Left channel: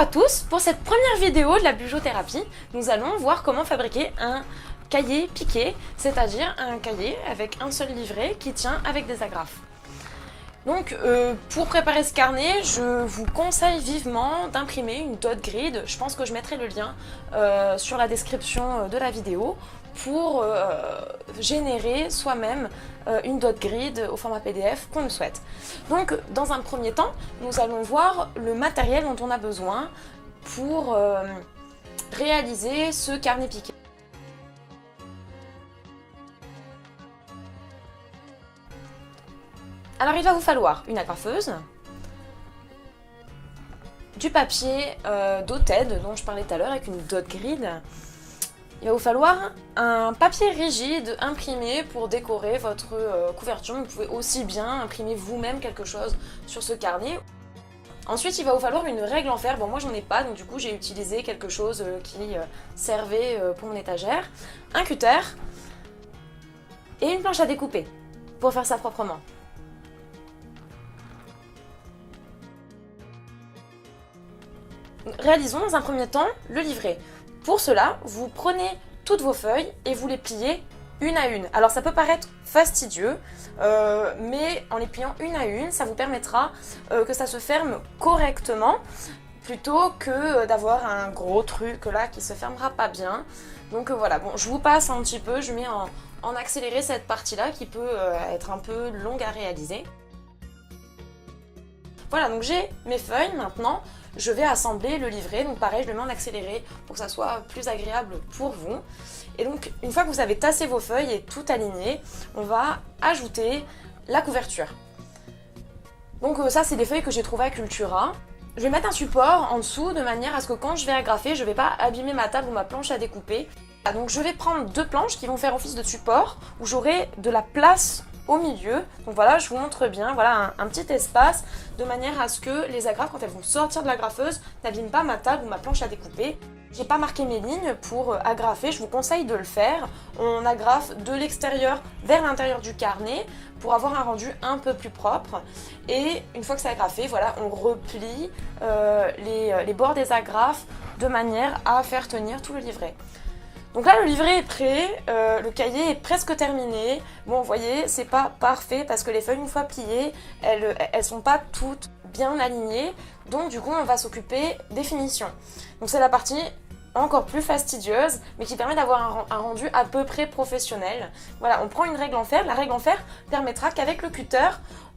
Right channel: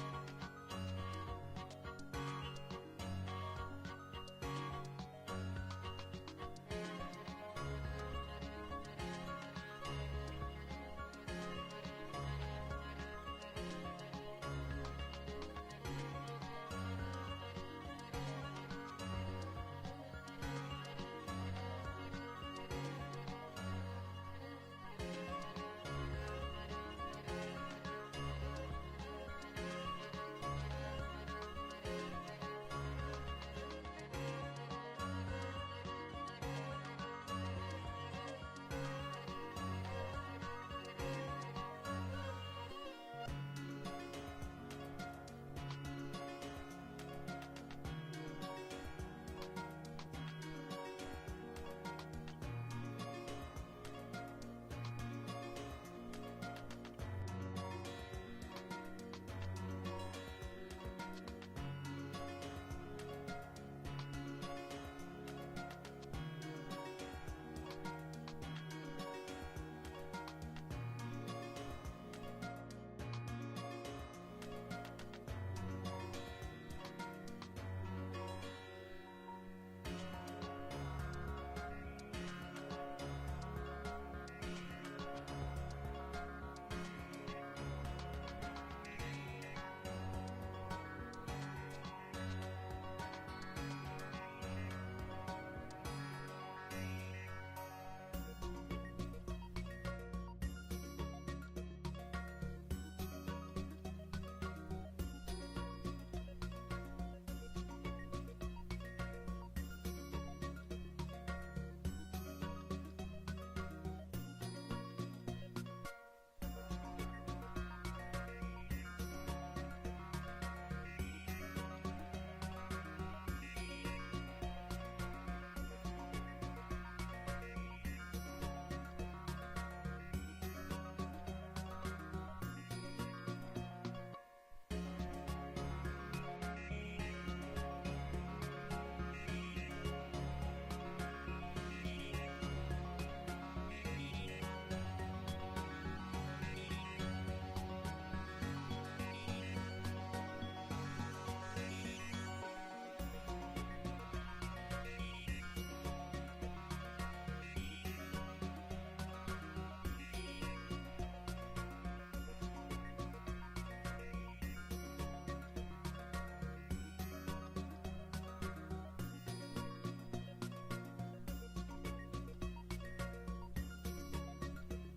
à tous, pour cette première vidéo de la bugeothérapie, nous allons voir comment fabriquer un cahier piqué, c'est-à-dire un cahier avec un seul livret qui tient avec des agrafes. Donc pour préparer ce carnet, je vous conseille vivement d'imprimer une dot grid. Je pense que je mettrai le lien sur la description de la vidéo pour générer soi-même une dot grid au format PDF qu'on le souhaite. Donc dans un premier temps, nous allons voir le matériel dont on a besoin pour réaliser ce carnet piqué. Alors il va vous falloir une agrafeuse, du papier dotted dont je parlais tout à l'heure avec une dot grid. Il va vous falloir un papier rigide imprimé pour décorer votre couverture. Vous pouvez aussi bien imprimer vous-même quelque chose sur ce carnet. Ensuite, il va vous falloir une règle en fer. Bon, moi j'en ai pas, donc du coup j'ai utilisé quelque chose qui servait pour mon étagère. Un cutter et une planche à découper pour faire ça proprement. Réalisons dans un premier temps le livret. Pour cela, vous prenez toutes vos feuilles et vous les pliez une à une. Alors ça peut paraître fastidieux, mais en les pliant une à une, ça vous permettra que ça se ferme correctement, plutôt que d'avoir un gros truc là qui se fermera pas bien. Donc voilà, bon, je vous passe un petit peu, je mets en accéléré cette partie-là qui peut être un peu longue à réaliser. Voilà, donc j'ai mes feuilles maintenant. Je vais assembler le livret, donc pareil, je le mets en accéléré pour que ça soit plus agréable pour vous. Et donc, une fois que vous avez tassé vos feuilles et tout aligné, on va ajouter la couverture. Donc ça, c'est des feuilles que j'ai trouvées à Cultura. Je vais mettre un support en dessous de manière à ce que quand je vais agrafer, je ne vais pas abîmer ma table ou ma planche à découper. Donc je vais prendre deux planches qui vont faire office de support, où j'aurai de la place au milieu. Donc voilà, je vous montre bien, voilà un petit espace de manière à ce que les agrafes, quand elles vont sortir de l'agrafeuse, n'abîment pas ma table ou ma planche à découper. J'ai pas marqué mes lignes pour agrafer, je vous conseille de le faire. On agrafe de l'extérieur vers l'intérieur du carnet pour avoir un rendu un peu plus propre. Et une fois que c'est agrafé, voilà, on replie les bords des agrafes de manière à faire tenir tout le livret. Donc là, le livret est prêt, le cahier est presque terminé. Bon, vous voyez, c'est pas parfait parce que les feuilles, une fois pliées, elles sont pas toutes bien alignées. Donc du coup, on va s'occuper des finitions. Donc c'est la partie encore plus fastidieuse, mais qui permet d'avoir un rendu à peu près professionnel. Voilà, on prend une règle en fer. La règle en fer permettra qu'avec le cutter,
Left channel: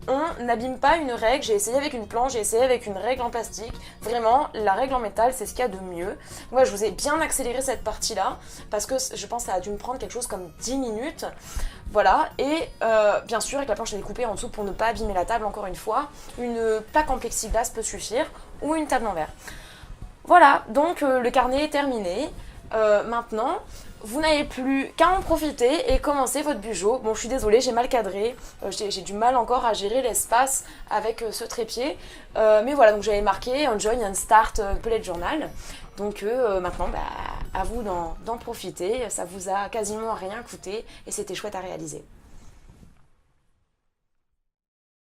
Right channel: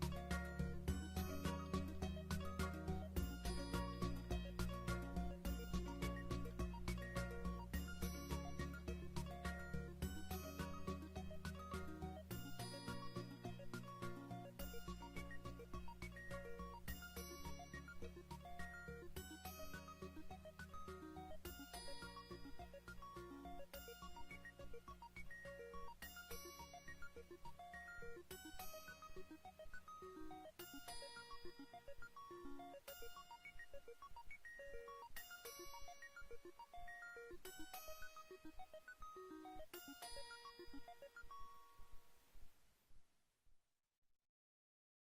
on n'abîme pas une règle. J'ai essayé avec une planche, j'ai essayé avec une règle en plastique. Vraiment, la règle en métal, c'est ce qu'il y a de mieux. Moi, je vous ai bien accéléré cette partie-là, parce que je pense que ça a dû me prendre quelque chose comme 10 minutes. Voilà, et bien sûr, avec la planche à découper en dessous pour ne pas abîmer la table, encore une fois, une plaque en plexiglas peut suffire, ou une table en verre. Voilà, donc le carnet est terminé. Maintenant, vous n'avez plus qu'à en profiter et commencer votre bugeot. Bon, je suis désolée, j'ai mal cadré, j'ai du mal encore à gérer l'espace avec ce trépied. Mais voilà, donc j'avais marqué un join and start bullet journal. Donc maintenant, à vous d'en profiter. Ça vous a quasiment rien coûté et c'était chouette à réaliser.